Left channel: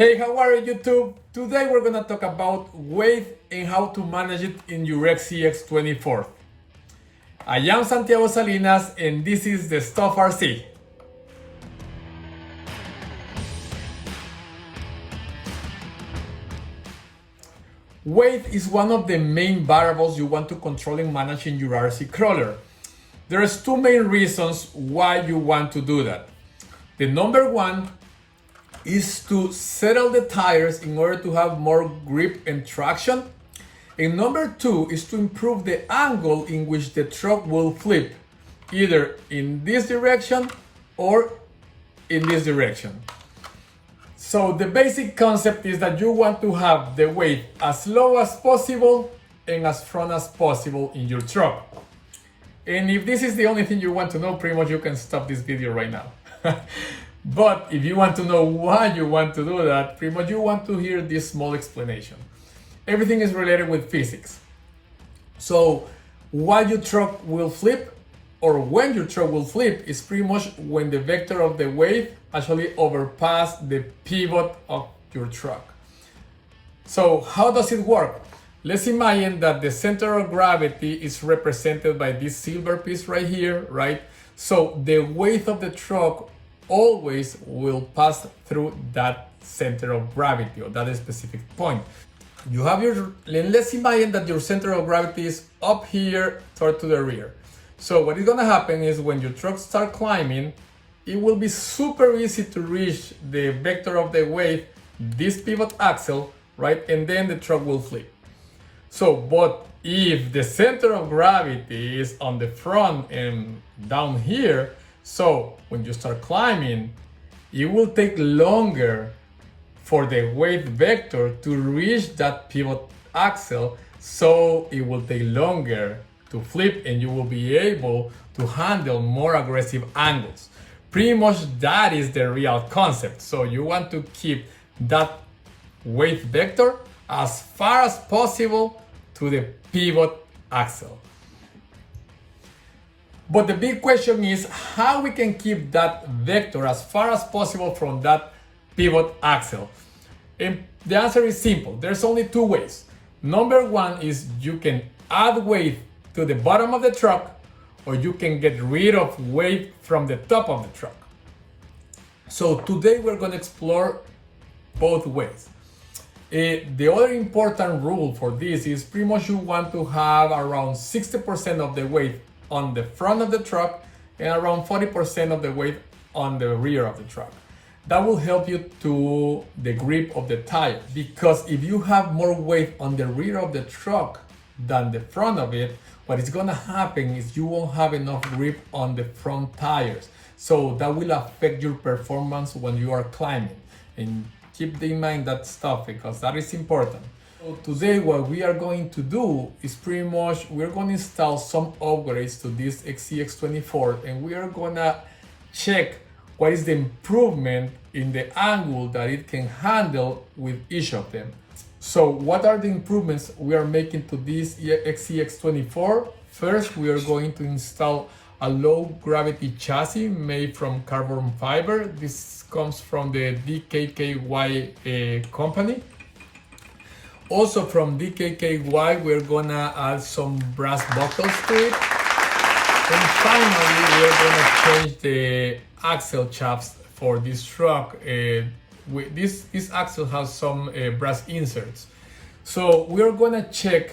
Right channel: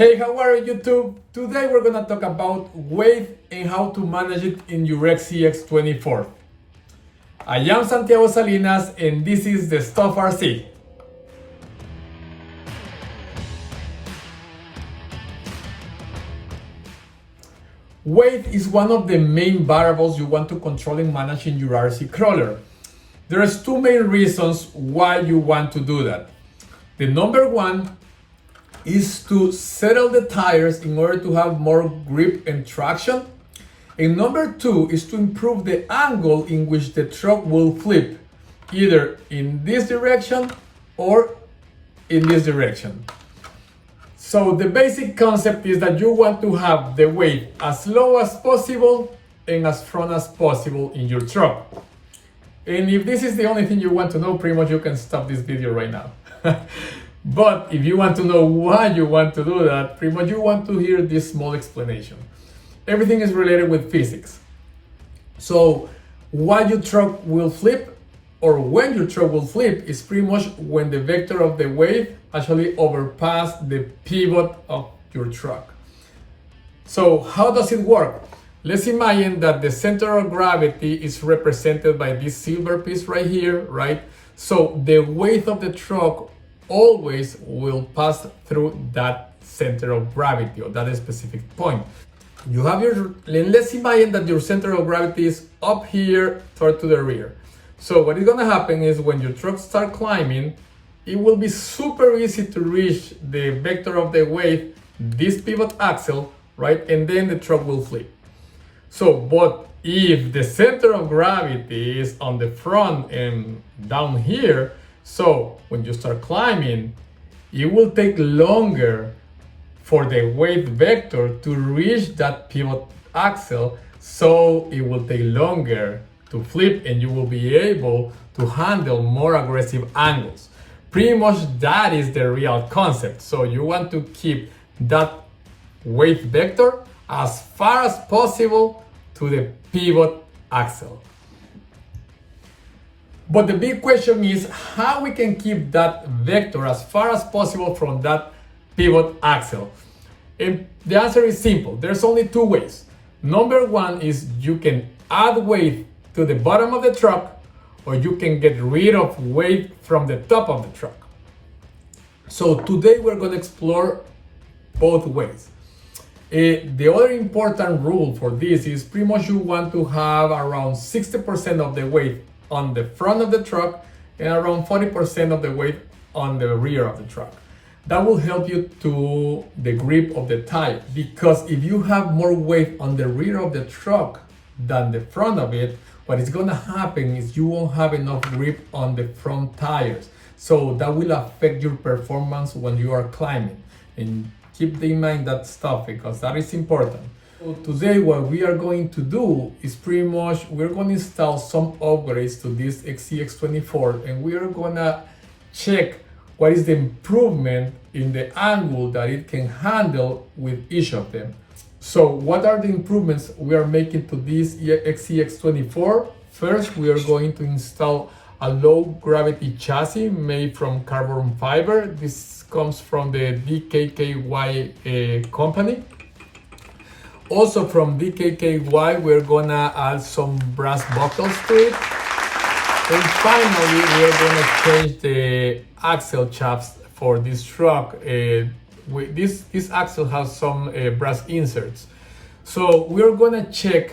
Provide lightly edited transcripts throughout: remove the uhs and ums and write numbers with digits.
Hey, how are you YouTube? Today we're gonna talk about weight and how to manage it in your SCX24. I am Santiago Salinas and this is the Stuff RC. Weight is one of the main variables you want to control and manage in your RC crawler. There's two main reasons why you want to do that. The number one is to settle the tires in order to have more grip and traction. And number two is to improve the angle in which the truck will flip, either in this direction or in this direction. So the basic concept is that you want to have the weight as low as possible and as front as possible in your truck. And if this is the only thing you want to know, pretty much you can stop this video right now. But if you want to know why you want to do that, pretty much you want to hear this small explanation. Everything is related with physics. So why your truck will flip, or when your truck will flip, is pretty much when the vector of the weight actually overpass the pivot of your truck. So how does it work? Let's imagine that the center of gravity is represented by this silver piece right here, right? So the weight of the truck always will pass through that center of gravity, or that specific point. You have let's imagine that your center of gravity is up here toward to the rear. So what is gonna happen is when your truck start climbing, it will be super easy to reach the vector of the weight, this pivot axle, right? And then the truck will flip. So, but if the center of gravity is on the front and down here, so when you start climbing, it will take longer for the weight vector to reach that pivot axle, so it will take longer to flip and you will be able to handle more aggressive angles. Pretty much that is the real concept. So you want to keep that weight vector as far as possible to the pivot axle. But the big question is how we can keep that vector as far as possible from that pivot axle. And the answer is simple. There's only two ways. Number one is you can add weight to the bottom of the truck, or you can get rid of weight from the top of the truck. So today we're going to explore both ways. The other important rule for this is pretty much you want to have around 60% of the weight on the front of the truck and around 40% of the weight on the rear of the truck. That will help you to the grip of the tire, because if you have more weight on the rear of the truck than the front of it, what is gonna happen is you won't have enough grip on the front tires. So that will affect your performance when you are climbing. And keep in mind that stuff, because that is important. So today what we are going to do is pretty much we're going to install some upgrades to this SCX24, and we are gonna check what is the improvement in the angle that it can handle with each of them. So what are the improvements we are making to this SCX24? First, we are going to install a low gravity chassis made from carbon fiber. This comes from the DKKY company. Also from DKKY, we're gonna add some brass buckles to it. And finally, we're gonna change the axle shafts for this truck. This axle has some brass inserts. So we're gonna check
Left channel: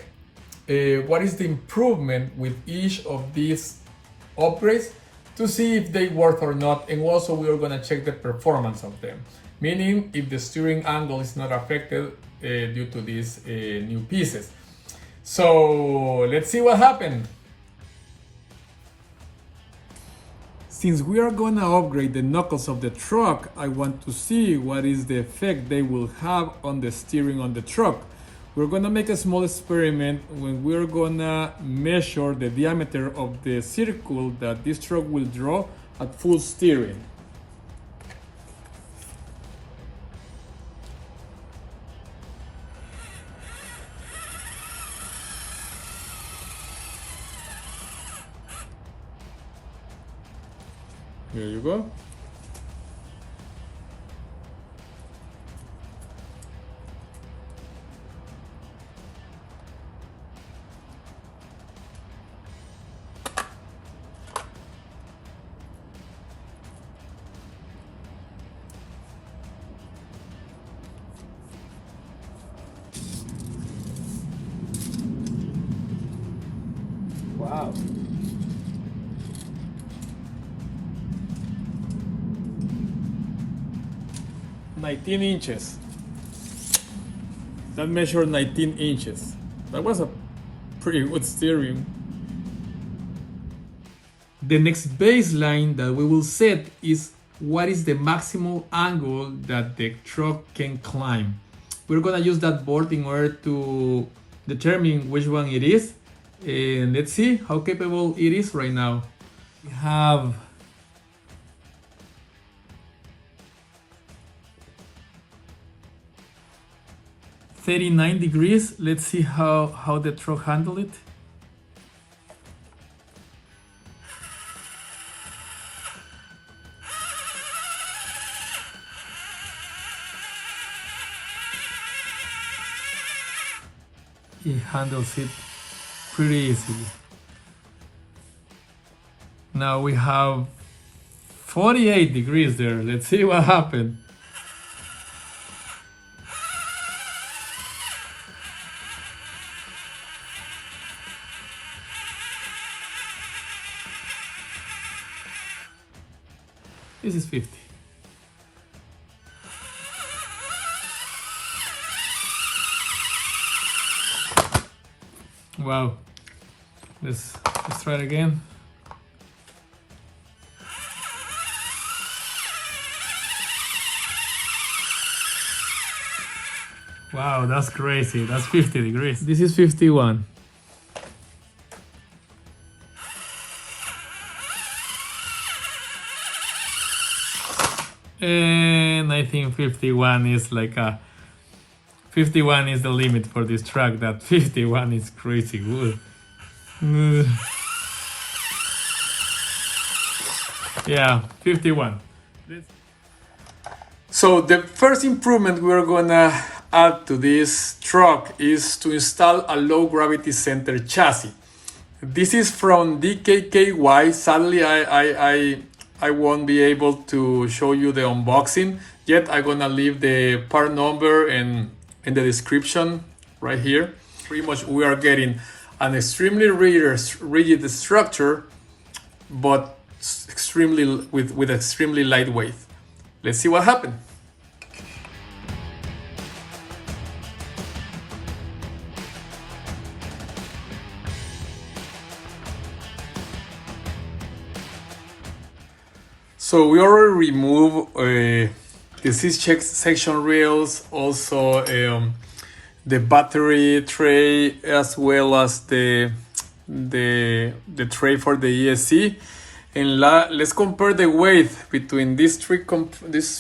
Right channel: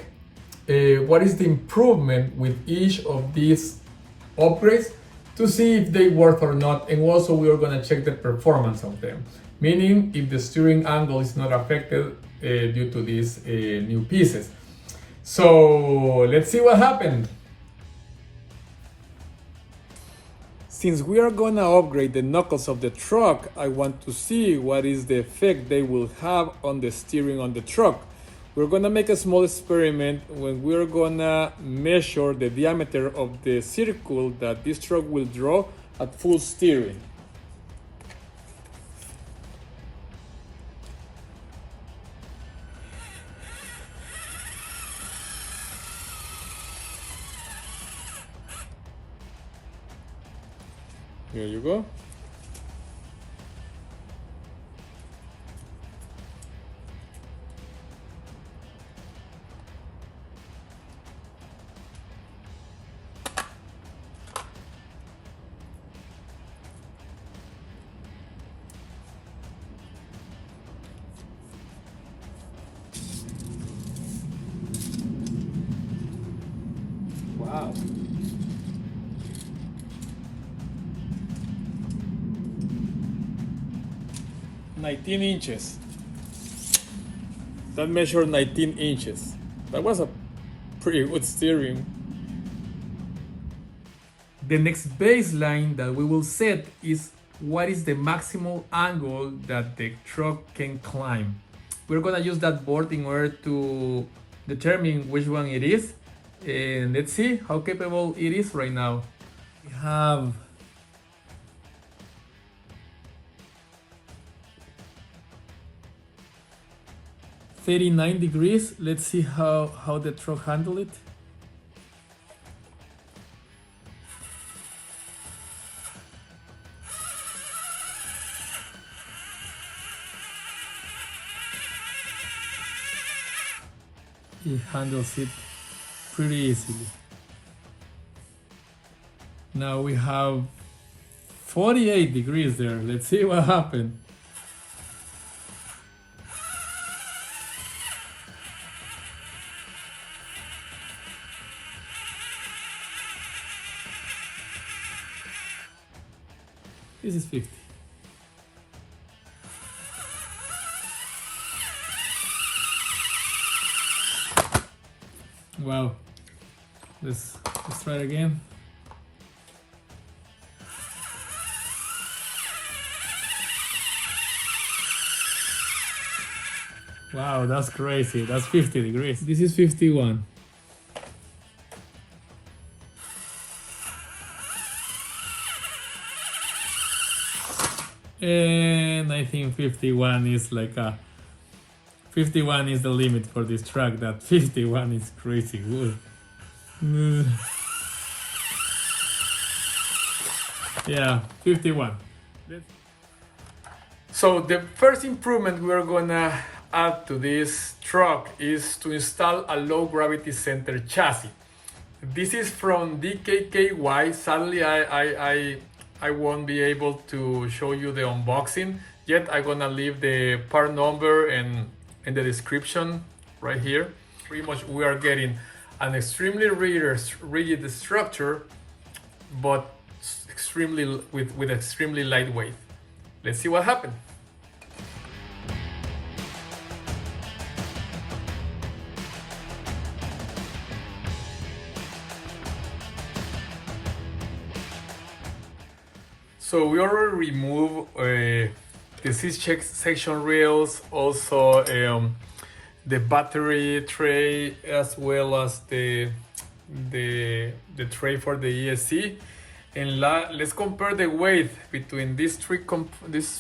what is the improvement with each of these upgrades to see if they work or not. And also we are gonna check the performance of them, meaning if the steering angle is not affected due to these new pieces. So let's see what happened. Since we are gonna upgrade the knuckles of the truck, I want to see what is the effect they will have on the steering on the truck. We're gonna make a small experiment when we're gonna measure the diameter of the circle that this truck will draw at full steering. Here you go. 19 inches. That measured 19 inches. That was a pretty good steering. The next baseline that we will set is what is the maximal angle that the truck can climb. We're gonna use that board in order to determine which one it is. And let's see how capable it is right now. We have 39 degrees. Let's see how the truck handle it. It handles it pretty easily. Now we have 48 degrees there. Let's see what happened. This is 50. Wow. Let's try it again. Wow, that's crazy. That's 50 degrees. This is 51. And I think 51 is like a 51 is the limit for this truck. That 51 is crazy good. Yeah, 51. So the first improvement we're gonna add to this truck is to install a low gravity center chassis. This is from DKKY. Sadly, I won't be able to show you the unboxing yet. I'm gonna leave the part number and in the description right here. Pretty much we are getting an extremely rigid structure, but extremely with extremely lightweight. Let's see what happened. So we already removed the section rails, also the battery tray, as well as the tray for the ESC. And let's compare the weight between these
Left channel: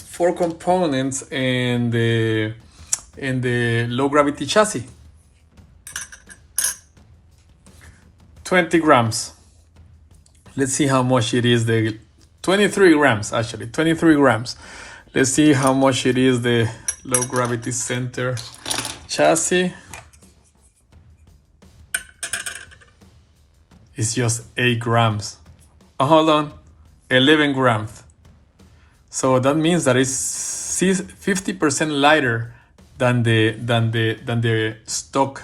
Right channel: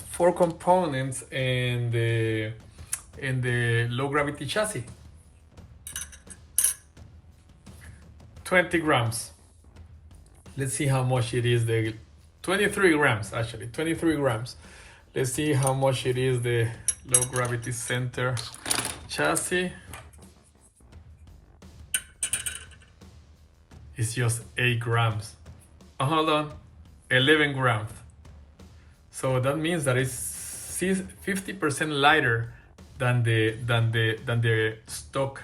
four components and the low gravity chassis. 20 grams. Let's see how much it is. 23 grams, actually, 23 grams. Let's see how much it is, the low gravity center chassis. It's just 8 grams. Oh, hold on, 11 grams. So that means that it's 50% lighter than the stock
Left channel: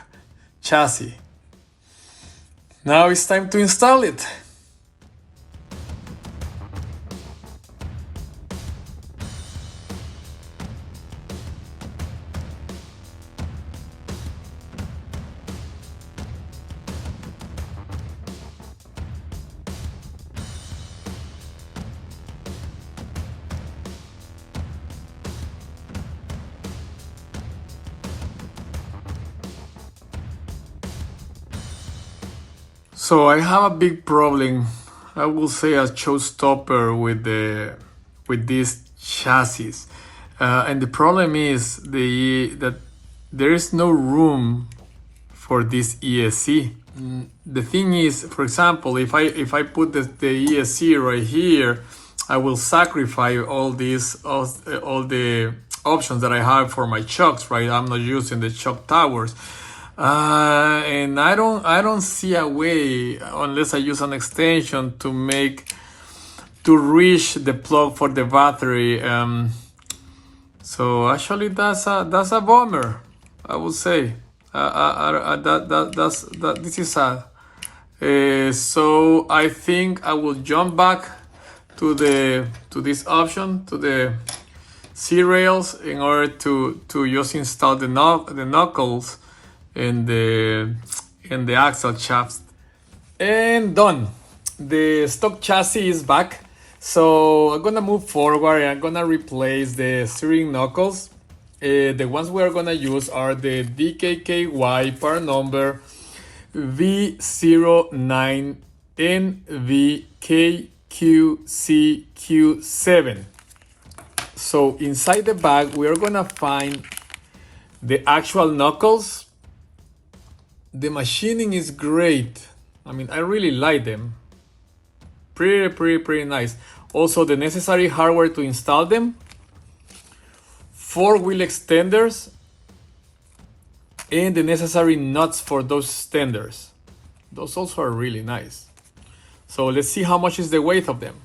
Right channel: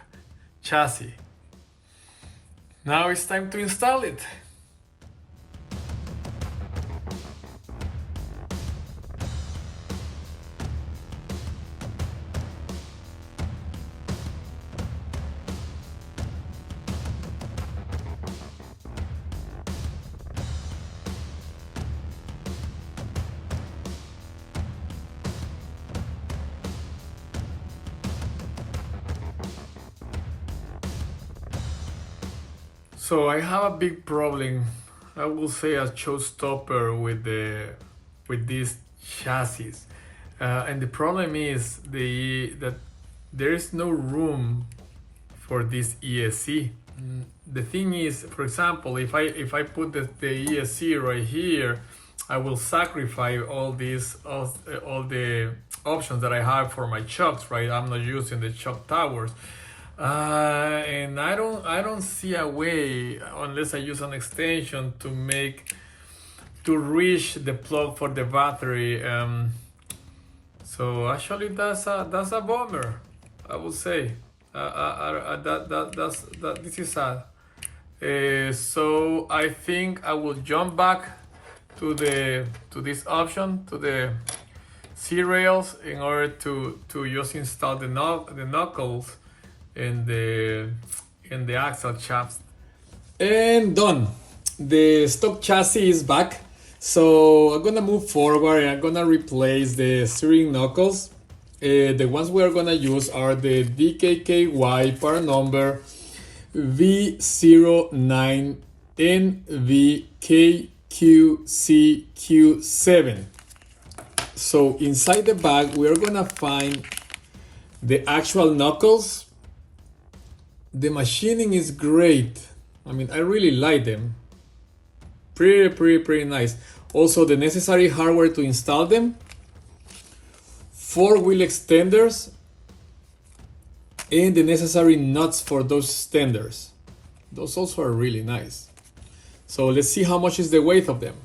chassis. Now it's time to install it. So I have a big problem, I will say a showstopper with this chassis, and the problem is that there is no room for this ESC. The thing is, for example, if I put the ESC right here, I will sacrifice all the options that I have for my chocks, right? I'm not using the chock towers. And I don't see a way, unless I use an extension, to reach the plug for the battery. So actually that's a bummer, I would say. This is sad. So I think I will jump back to this option, to the C-rails in order to just install the knuckles in the axle shafts. And done. The stock chassis is back. So I'm gonna move forward and I'm gonna replace the steering knuckles. The ones we are gonna use are the DKKY part number V09NVKQCQ7. So inside the bag, we are gonna find the actual knuckles. The machining is great. I mean, I really like them. Pretty nice. Also, the necessary hardware to install them. 4 wheel extenders. And the necessary nuts for those extenders. Those also are really nice. So let's see how much is the weight of them.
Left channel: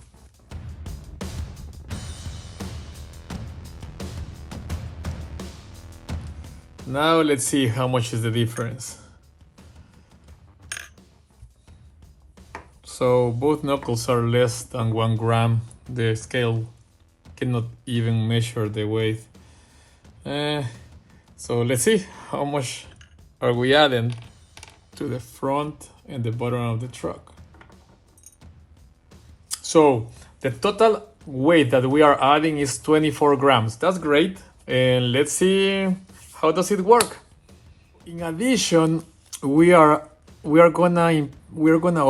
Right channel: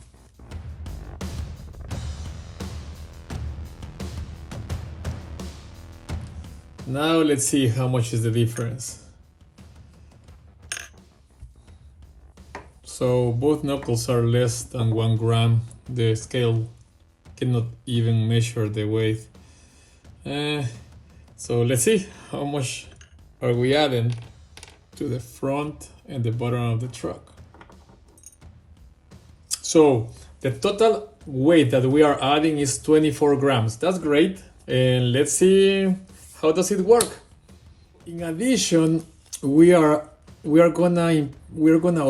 Now let's see how much is the difference. So both knuckles are less than 1 gram. The scale cannot even measure the weight. So let's see how much are we adding to the front and the bottom of the truck. So the total weight that we are adding is 24 grams. That's great. And let's see how does it work. In addition, we're gonna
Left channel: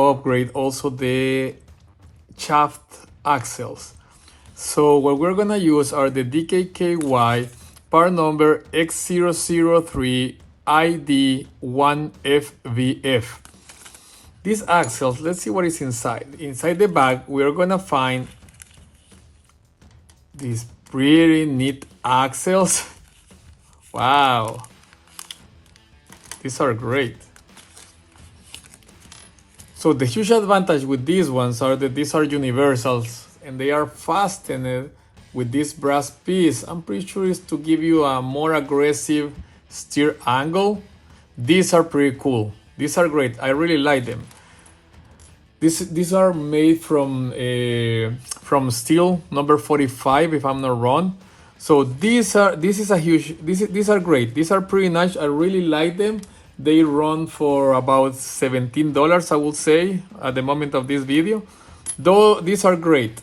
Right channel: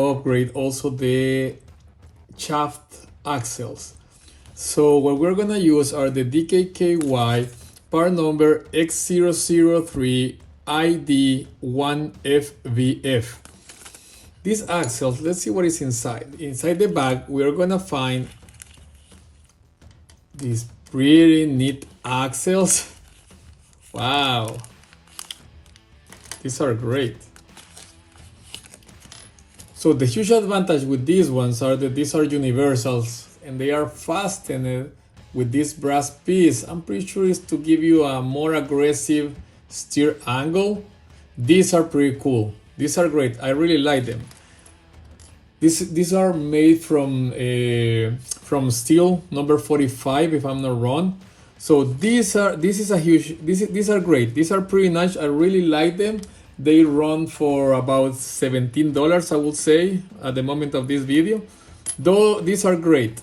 upgrade also the shaft axles. So what we're gonna use are the DKKY part number X003ID1FVF. These axles, let's see what is inside. Inside the bag, we're gonna find these pretty neat axles. Wow, these are great. So the huge advantage with these ones are that these are universals and they are fastened with this brass piece. I'm pretty sure it's to give you a more aggressive steer angle. These are pretty cool. These are great. I really like them. These are made from steel number 45, if I'm not wrong. So these are great. These are pretty nice. I really like them. They run for about $17, I would say, at the moment of this video. Though these are great.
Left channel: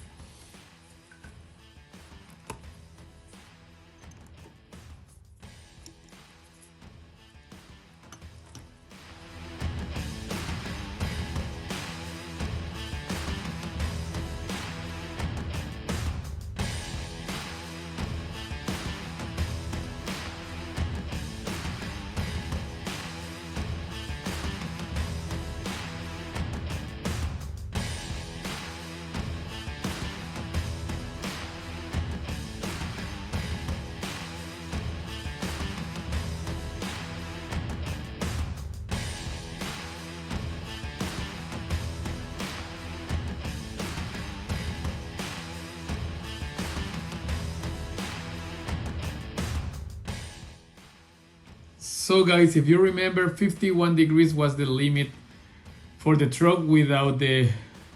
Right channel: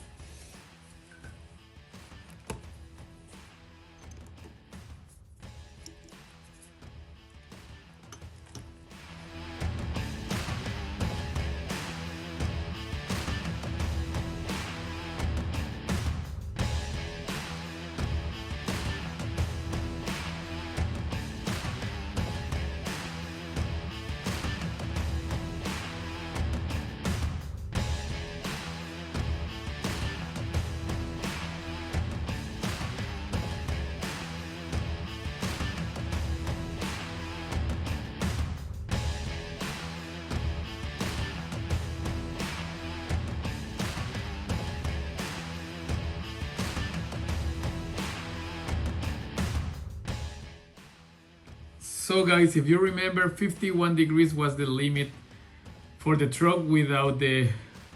So guys, if you remember, 51 degrees was the limit for the truck without the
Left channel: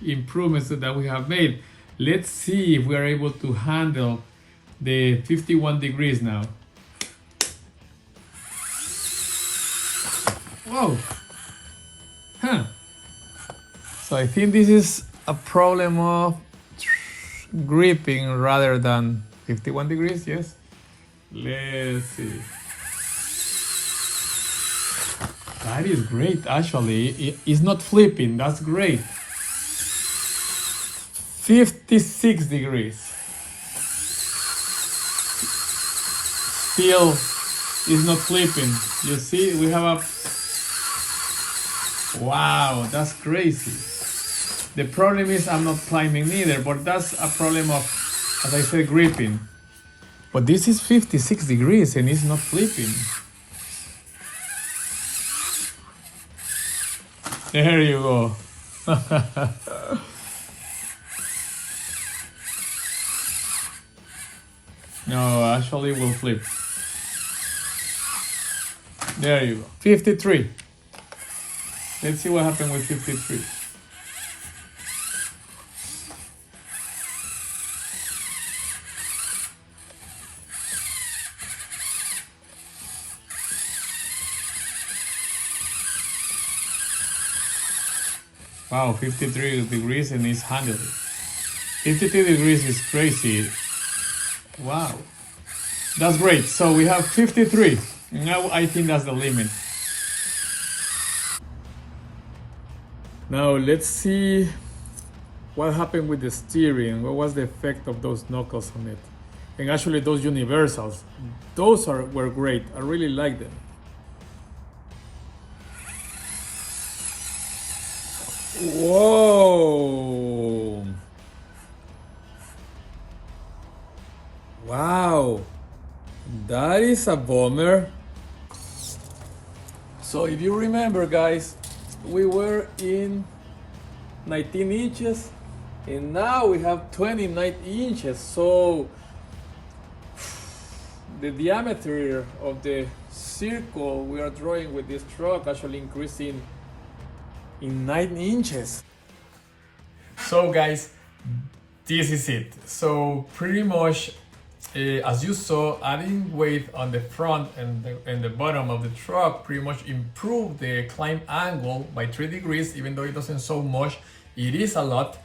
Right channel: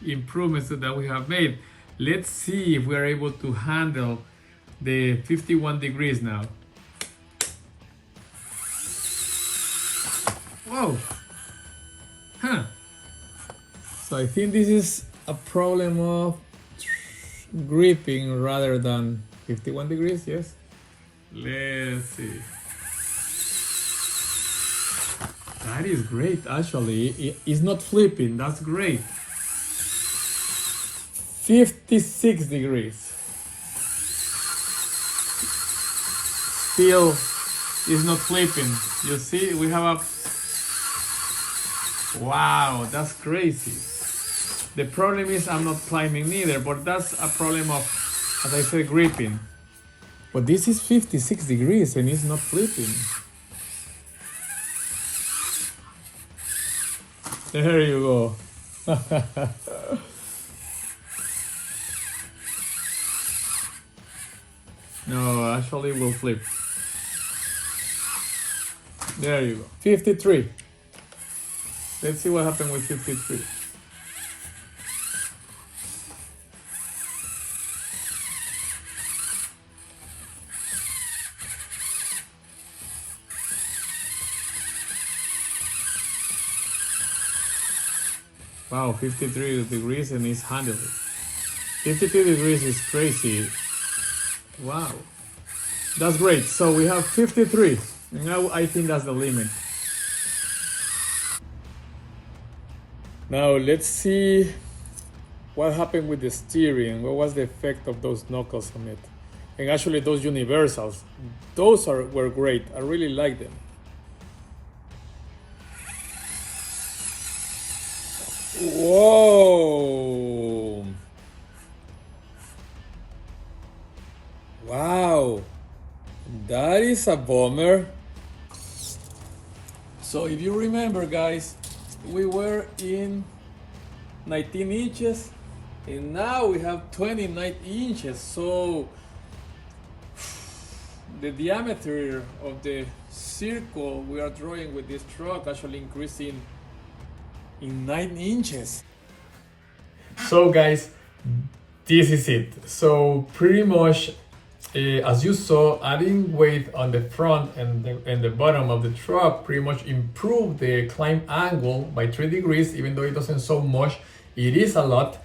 improvements that we have made. Let's see if we are able to handle the 51 degrees now. Whoa! Huh. So I think this is a problem of gripping rather than 51 degrees, yes? Let's see. That is great, actually. It's not flipping, that's great. 56 degrees. Still is not flipping. You see, we have a... Wow, that's crazy. The problem is I'm not climbing neither, but that's a problem of, as I said, gripping. But this is 56 degrees and it's not flipping. There you go. No, actually will flip. There you go. 53. Let's see what happened with 53. Wow, 53 degrees and it's handled. 52 degrees is crazy. Wow, that's great. So we have 53. Now I think that's the limit. Now let's see what happened with the steering. What was the effect of those knuckles on it? And actually those universals, those were great. I really like them. Whoa! Wow! That is a bummer. So if you remember, guys, we were in 19 inches and now we have 29 inches. So the diameter of the circle we are drawing with this truck actually increasing in 9 inches. So guys, this is it. So pretty much as you saw, adding weight on the front and the bottom of the truck pretty much improved the climb angle by 3 degrees. Even though it doesn't so much, it is a lot.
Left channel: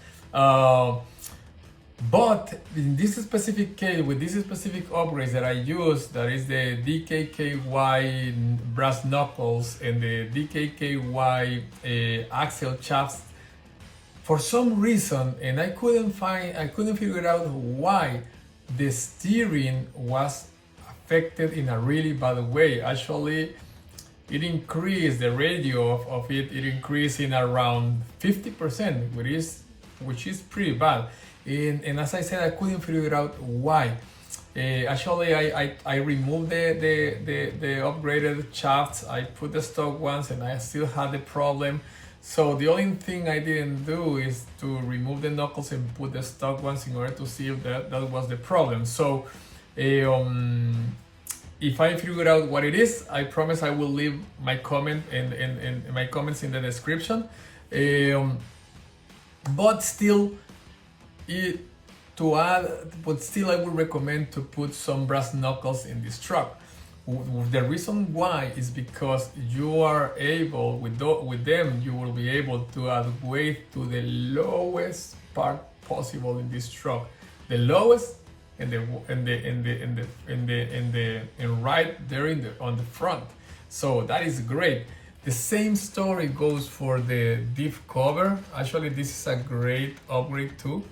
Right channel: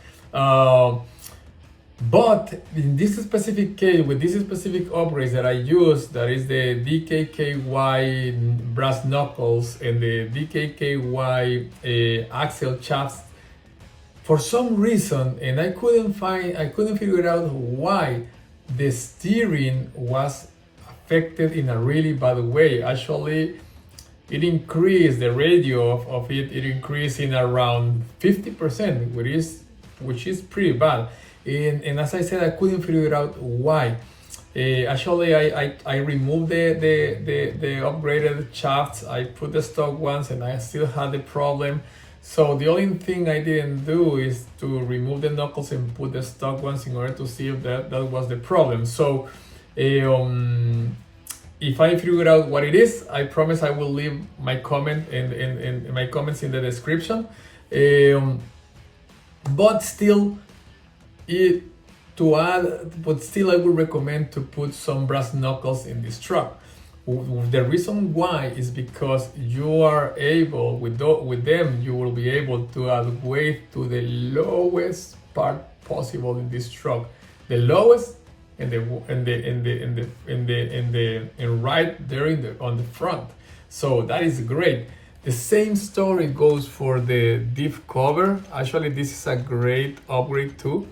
But in this specific case, with this specific upgrades that I use, that is the DKKY brass knuckles and the DKKY axle shafts, for some reason, and I couldn't figure out why the steering was affected in a really bad way. Actually, it increased the radio of it increased in around 50%, which is pretty bad. And as I said, I couldn't figure out why. Actually, I removed the upgraded shafts. I put the stock ones, and I still had the problem. So the only thing I didn't do is to remove the knuckles and put the stock ones in order to see if that was the problem. So if I figure out what it is, I promise I will leave my comment and my comments in the description. But still, I would recommend to put some brass knuckles in this truck. The reason why is because you are able, with them, you will be able to add weight to the lowest part possible in this truck, the lowest and right there on the front. So that is great. The same story goes for the diff cover. Actually, this is a great upgrade too,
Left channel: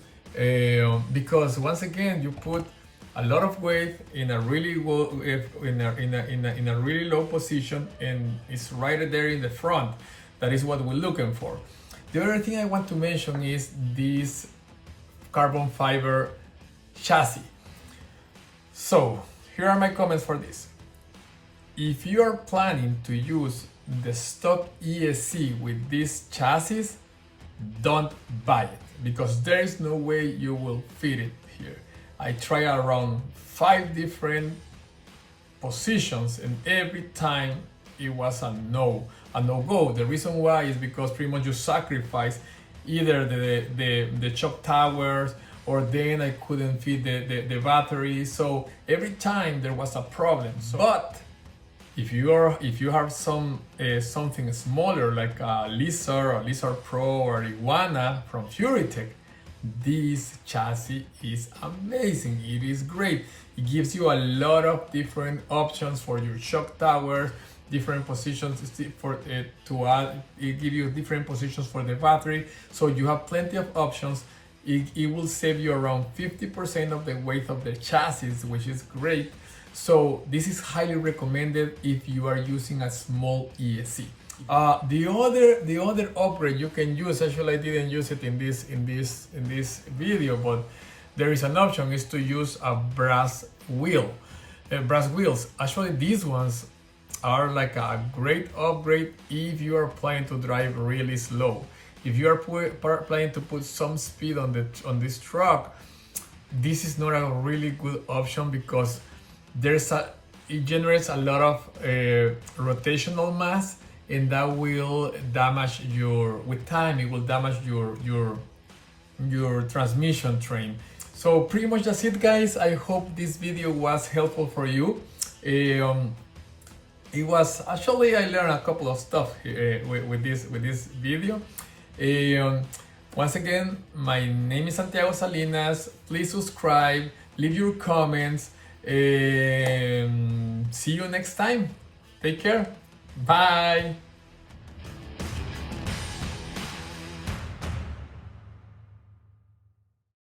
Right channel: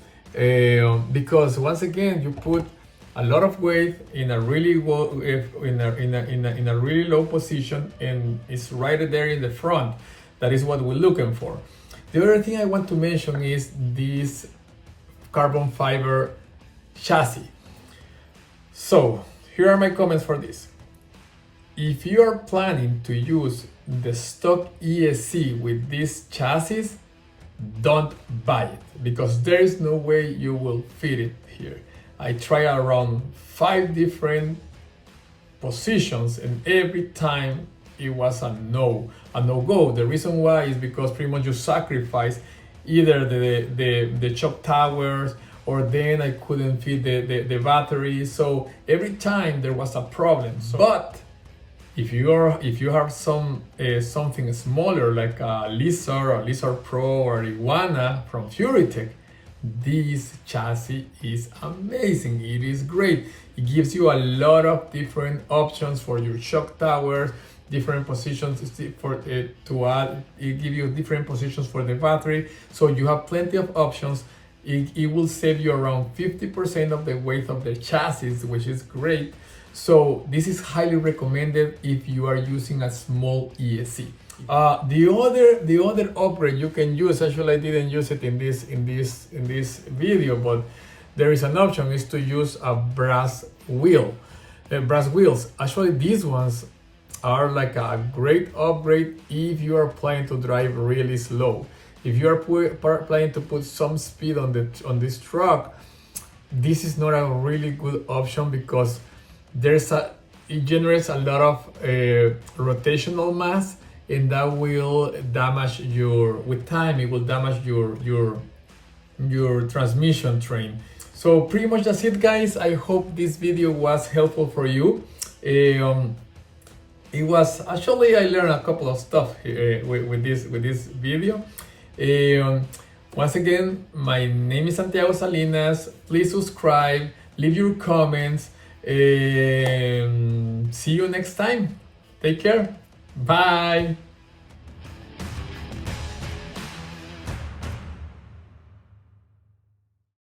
because once again you put a lot of weight in a really really low position, and it's right there in the front. That is what we're looking for. The other thing I want to mention is this carbon fiber chassis. So here are my comments for this. If you are planning to use the stock ESC with this chassis, don't buy it, because there is no way you will fit it here. I tried around 5 different positions, and every time it was a no-go. The reason why is because pretty much you sacrifice either the shock towers, or then I couldn't fit the battery. So every time there was a problem. But if you have something smaller like a Lizard or Lizard Pro or Iguana from Furitek, this chassis is amazing. It is great. It gives you a lot of different options for your shock towers, different positions for it to add. It gives you different positions for the battery, so you have plenty of options. It will save you around 50% of the weight of the chassis, which is great. So this is highly recommended if you are using a small ESC. The other upgrade you can use, actually I didn't use it in this video, but there is an option, is to use a brass wheel. Brass wheels. Actually, these ones are like a great upgrade if you are planning to drive really slow. If you are planning to put some speed on this truck, this is not a really good option, because it generates a lot of rotational mass, and that will damage with time it will damage your transmission train. So pretty much that's it, guys. I hope this video was helpful for you. It was actually, I learned a couple of stuff with this video. Once again, my name is Santiago Salinas. Please subscribe, leave your comments. See you next time. Take care. Bye.